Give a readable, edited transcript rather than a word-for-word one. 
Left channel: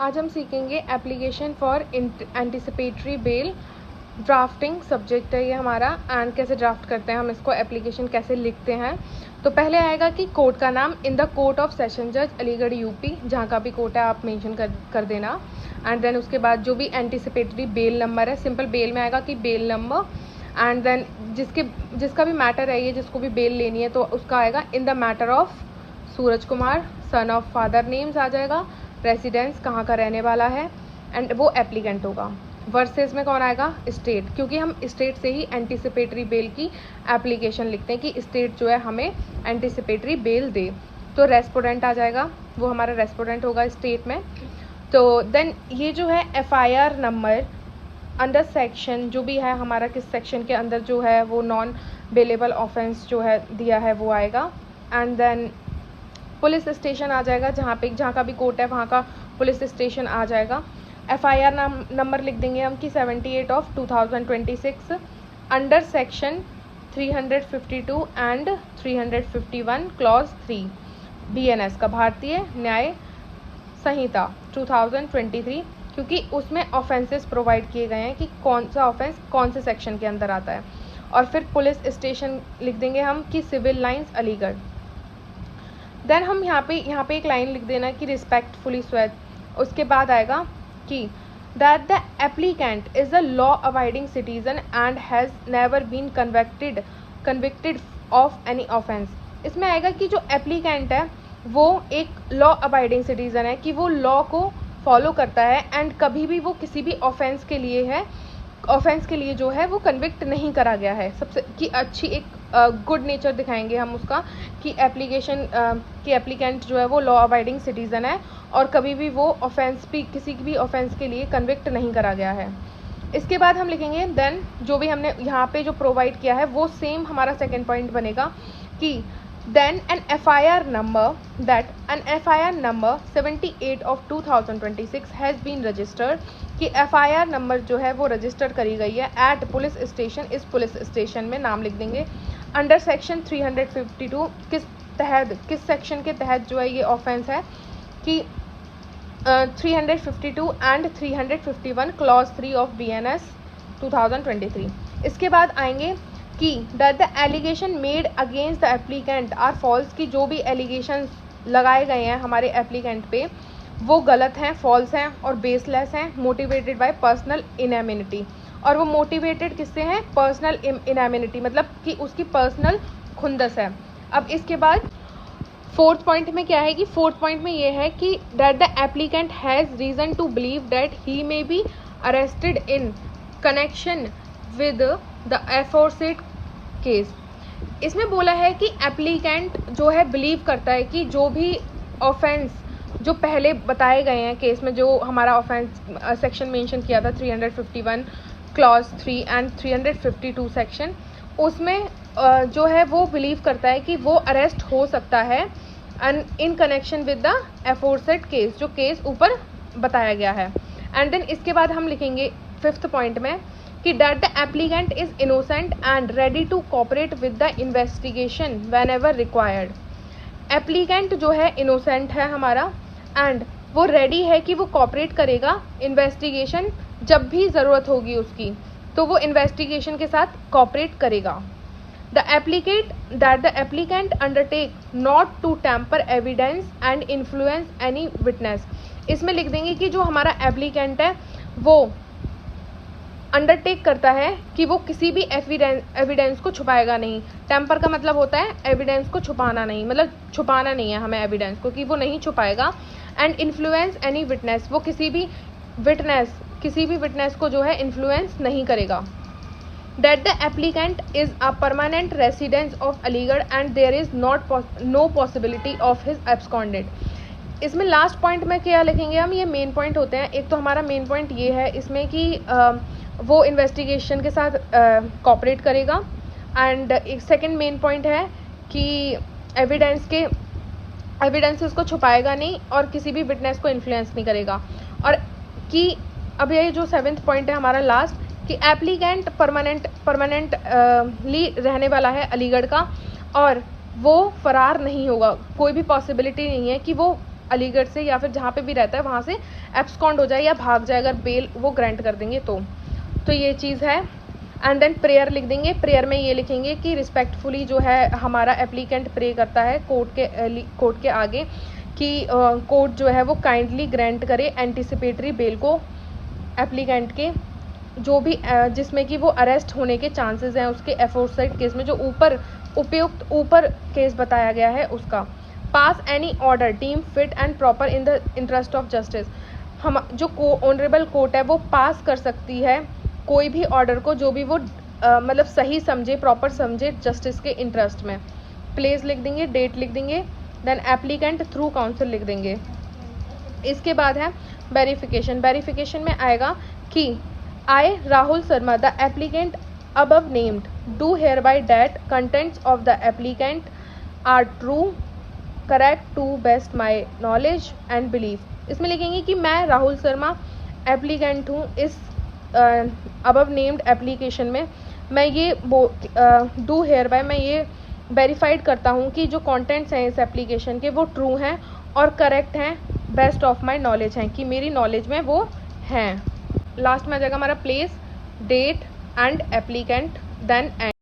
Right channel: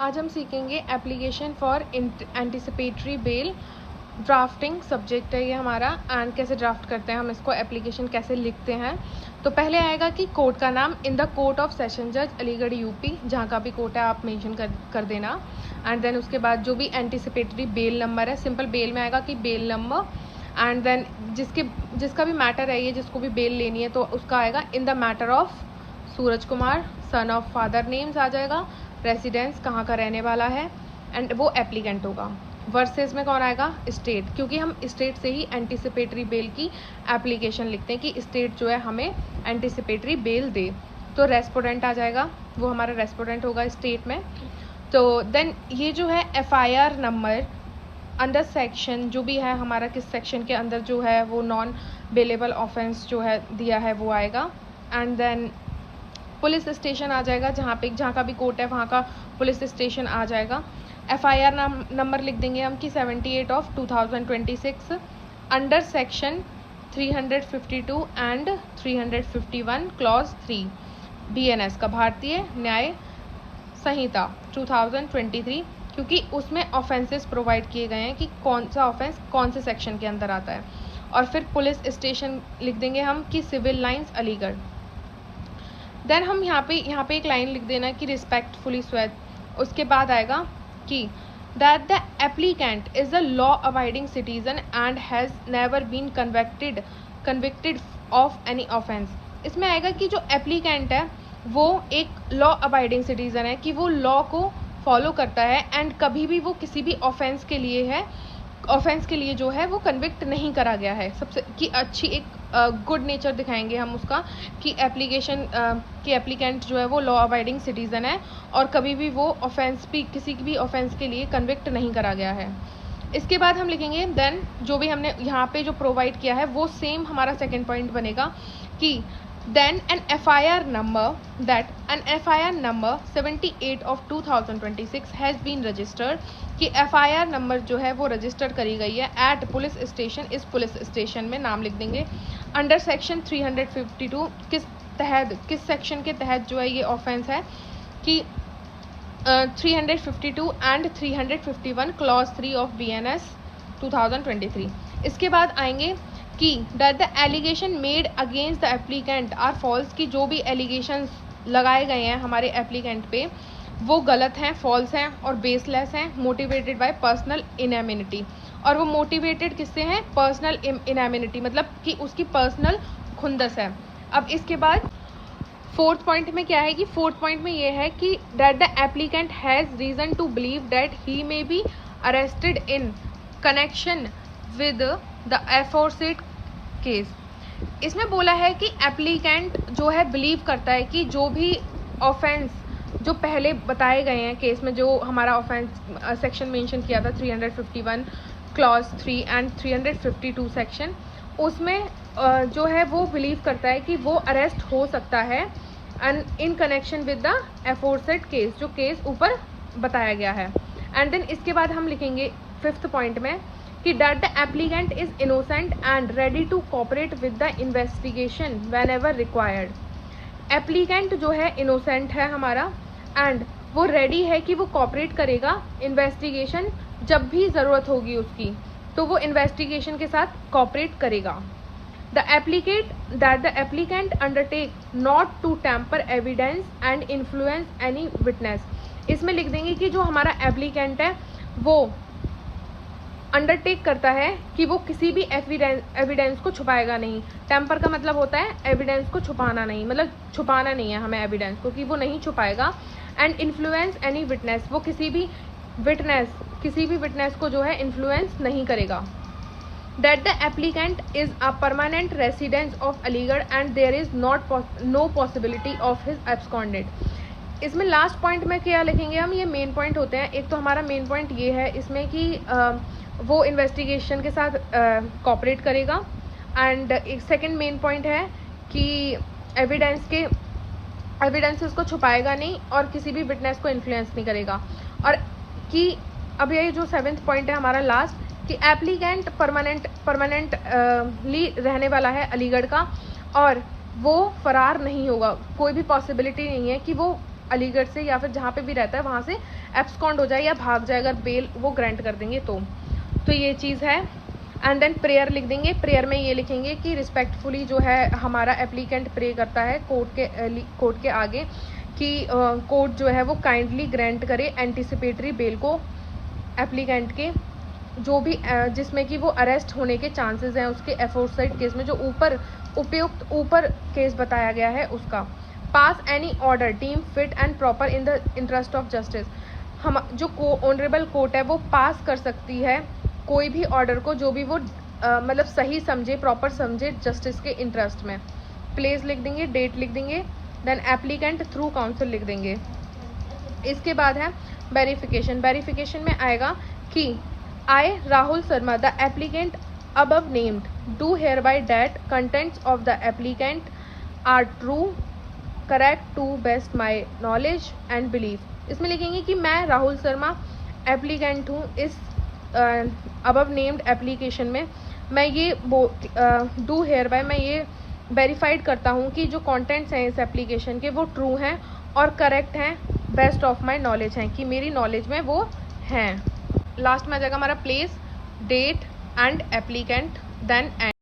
आज हम सीखेंगे application for anticipatory bell. Drafting subject है ये हमारा, एंड कैसे ड्राफ्ट करते हैं हम इसको, एप्लीकेशन कैसे लिखते हैं। तो पहले आएगा कि कोर्ट का नाम, in the court of session जज अलीगढ़ यूपी, जहाँ का भी कोर्ट है आप मेंशन कर देना। एंड देन उसके बाद जो भी एंटिसिपेटरी बेल नंबर है, सिंपल बेल में आएगा कि बेल नंबर। एंड देन जिसका भी मैटर है ये, जिसको भी बेल लेनी है तो उसका आएगा in the matter of Suraj Kumar, son of father, names आ जाएगा, रेसिडेंस कहाँ का रहने वाला है, एंड वो एप्लीकेंट होगा। वर्सेस में कौन आएगा? स्टेट, क्योंकि हम स्टेट से ही एंटिसिपेटरी बेल की एप्लीकेशन लिखते हैं कि स्टेट जो है हमें एंटिसिपेटरी बेल दे। तो रेस्पोडेंट आ जाएगा, वो हमारा रेस्पोडेंट होगा स्टेट में। तो देन ये जो है एफआईआर नंबर अंडर सेक्शन जो भी है हमारा, किस सेक्शन के अंदर जो है वो नॉन बेलेबल ऑफेंस जो है दिया है वो आएगा। एंड देन पुलिस स्टेशन आ जाएगा, जहाँ का भी कोर्ट है वहाँ का पुलिस स्टेशन आ जाएगा। एफआईआर नंबर लिख देंगे हम कि 78 of 2026 under section 352 and 351 clause 3 BNS का, भारतीय न्याय संहिता 2023, क्योंकि उसमें ऑफेंसेस प्रोवाइड किए गए हैं कि कौन सा ऑफेंस कौन से सेक्शन के अंदर आता है। और फिर पुलिस स्टेशन लिख देंगे हम कि सिविल लाइंस अलीगढ़। देन हम यहाँ पे एक लाइन लिख देना कि रिस्पेक्टफुली स्वेट। उसके बाद आएगा कि that the applicant is a law abiding citizen and has never been convicted of any offense. इसमें आएगा कि जो एप्लीकेंट है वो एक लॉ अबाइडिंग सिटीजन है, कि वो लॉ को फॉलो करता है एंड कभी भी वो किसी भी ऑफेंस के लिए जो है वो कन्विक्ट नहीं करा गया है। सबसे कि अच्छी एक गुड नेचर दिखाएंगे हम उसका कि एप्लीकेंट जो है वो लॉ अबाइडिंग सिटीजन है और कभी भी वो किसी भी ऑफेंस के लिए कन्विक्ट नहीं करा गया है। इसके बाद हम लिखेंगे देन जो भी हमने यहाँ पे जो प्रोवाइड किया है वो सेम हमारा सेकेंड पॉइंट बनेगा कि then an FIR number 78 of 2026 has been registered, कि FIR नंबर जो है वो रजिस्टर करी गई है एट पुलिस स्टेशन, इस पुलिस स्टेशन में नाम लिख देंगे। अंडर सेक्शन 352, किस सेक्शन के तहत जो है ये ऑफेंस है कि 352 एंड 351 क्लॉज 3 ऑफ BNS 2023। इसके बाद आएंगे कि that the allegation made against the applicant are false, की जो भी एलिगेशंस लगाए गए हैं हमारे एप्लीकेंट पे वो गलत हैं, फॉल्स हैं और बेसलेस हैं, मोटिवेटेड बाय पर्सनल इनएमिनिटी। और वो मोटिवेटेड किससे हैं? पर्सनल इनएमिनिटी, मतलब कि उसकी पर्सनल खुंदस है। अब इसके बाद फोर्थ पॉइंट में क्या है कि फोर्थ पॉइंट में ये है कि that the applicant has reason to believe that he may be arrested in connection with the aforesaid case. इसमें बोला है कि एप्लीकेंट जो है बिलीव करता है कि जो भी ऑफेंस जो पहले बताए गए हैं केस में, जो हमारा ऑफेंस सेक्शन मेंशन किया था 351 क्लॉज 3 एंड 352 सेक्शन, उसमें जो है वो बिलीव करता है कि वो अरेस्ट हो सकता है and in connection with the aforesaid case, जो केस ऊपर बताया गया है। एंड देन इसके बाद हम लिखेंगे फिफ्थ पॉइंट में कि that the applicant is innocent and ready to cooperate with the investigation whenever required. Applicant जो है इनोसेंट है हमारा एंड वो रेडी है कि वो कोऑपरेट करेगा इन्वेस्टिगेशन, जब भी ज़रूरत होगी उसकी तो वो इन्वेस्टिगेशन के साथ कोऑपरेट करेगा। The applicant undertake not to tamper evidence and influence any witness. इसमें लिख देंगे कि जो हमारा एप्लीकेंट है वो अंडरटेक करता है कि वो किसी भी एविडेंस को छुपाएगा नहीं। टेम्पर का मतलब होता है एविडेंस को छुपाना नहीं, मतलब छुपाना नहीं है हमें एविडेंस को, कि वो नहीं छुपाएगा। एंड इन्फ्लुएंस एनी विटनेस, वो किसी भी विटनेस को जो है इन्फ्लुएंस नहीं करेगा। That the applicant is a permanent residence of Aligarh and there is no possibility of his absconded. इसमें लास्ट पॉइंट में क्या लिखेंगे हम, ये मेन पॉइंट होते हैं। एक तो हमारा मेन पॉइंट ये है इसमें कि वो इन्वेस्टिगेशन के साथ कोऑपरेट करेगा, एंड एक सेकंड मेन पॉइंट है कि एविडेंसेस को छुपाएगा नहीं और किसी भी विटनेस को इन्फ्लुएंस नहीं करेगा। और कि अब ये जो सेवेंथ पॉइंट है हमारा लास्ट, कि एप्लीकेंट परमानेंटली रहने वाला है अलीगढ़ का और वो फरार नहीं होगा। कोई भी पॉसिबिलिटी नहीं है कि वो अलीगढ़ से या फिर जहाँ पे भी रहता है वहाँ से एब्सकॉन्ड हो जाए या भाग जाए अगर बेल वो ग्रांट कर देंगे तो ये चीज़ है। एंड देन प्रेयर लिख देंगे। प्रेयर में ये लिखेंगे कि रिस्पेक्टफुली जो है हमारा एप्लीकेंट प्रे करता है कोर्ट के आगे कि कोर्ट जो है वो काइंडली ग्रांट करे एंटिसिपेटरी बेल को एप्लीकेंट के जो भी जिसमें कि वो अरेस्ट होने के चांसेस हैं उसके एफोर्साइड केस में, जो ऊपर केस बताया गया है उसका। Pass any order deem fit and proper in the interest of justice. हम जो ऑनरेबल कोर्ट है वो पास कर सकती है कोई भी ऑर्डर को जो भी वो मतलब सही समझे, प्रॉपर समझे जस्टिस के इंटरेस्ट में। प्लेस लिख देंगे, डेट लिख देंगे, देन एप्लीकेंट थ्रू काउंसिल लिख देंगे। इसके बाद है वेरिफिकेशन। वेरिफिकेशन में आएगा कि I, Rahul Sharma, the applicant above named, do hereby that contents of the applicant are true, correct to best my knowledge and belief। इसमें लिखेंगे कि मैं राहुल शर्मा एप्लीकेंट हूँ इस अबव नेम्ड एप्लीकेशन में। मैं ये डू hereby मैं ये वेरीफाइड करता हूँ कि जो कंटेंट्स हैं इस एप्लीकेशन के वो ट्रू हैं और करेक्ट हैं, बेस्ट ऑफ माई नॉलेज हैं, कि मेरी नॉलेज में वो हैं। लास्ट में आ जाएगा हमारा place, date and applicant, then and.